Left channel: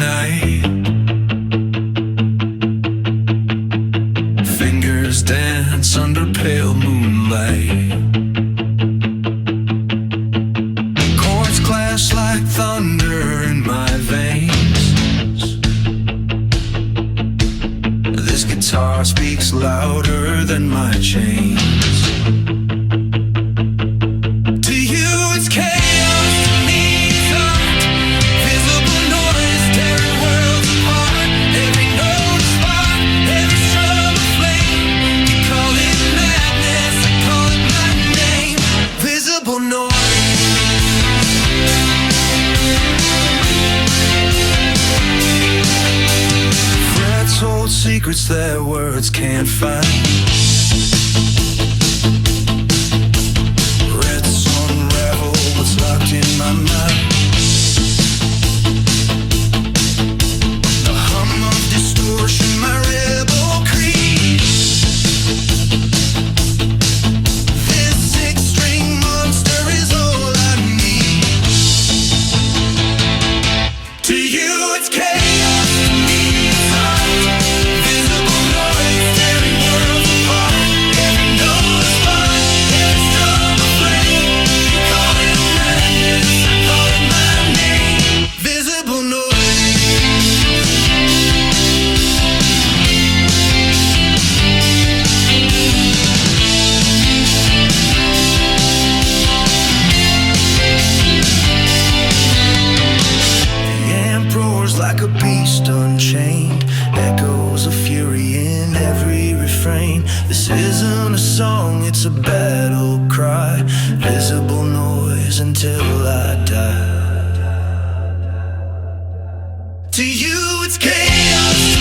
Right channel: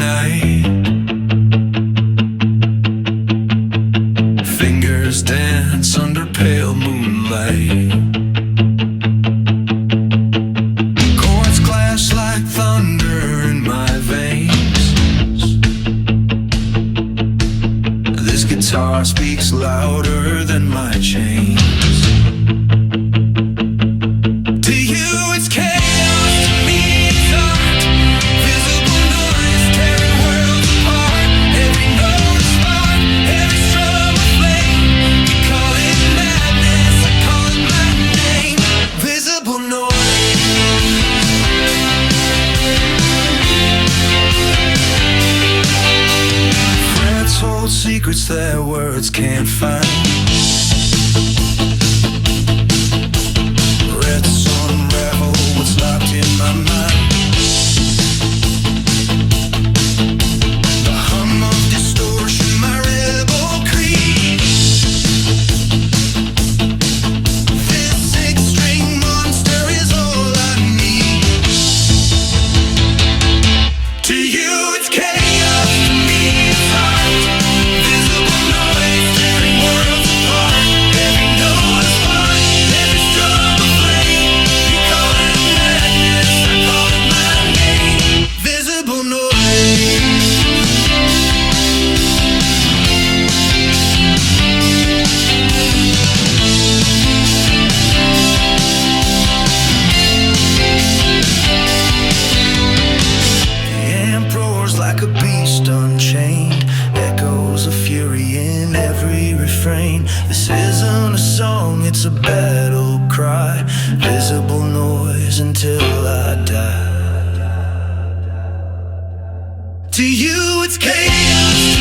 night. Fingers dance under pale moonlight. Chords clash like thunder in my veins. This guitar speaks louder than my chains. To you it's chaos, to me it's art. Visible noise tearing worlds apart. Every note a spark, every strum a flame. You call it madness, I call it my name. Visible noise. Frets hold secrets that words can't find. Frets unravel what's locked in my mind. The hum of distortion, my rebel creed. This six-string monster is all I need. To you it's chaos, to me it's art. Visible noise tearing worlds apart. Every note a spark, every strum a flame. You call it madness, I call it my name. Visible noise. The amp roars like a beast unchained. Echoes of fury in every refrain. This isn't a song, it's a battle cry. Visible noise until I die. To you it's chaos.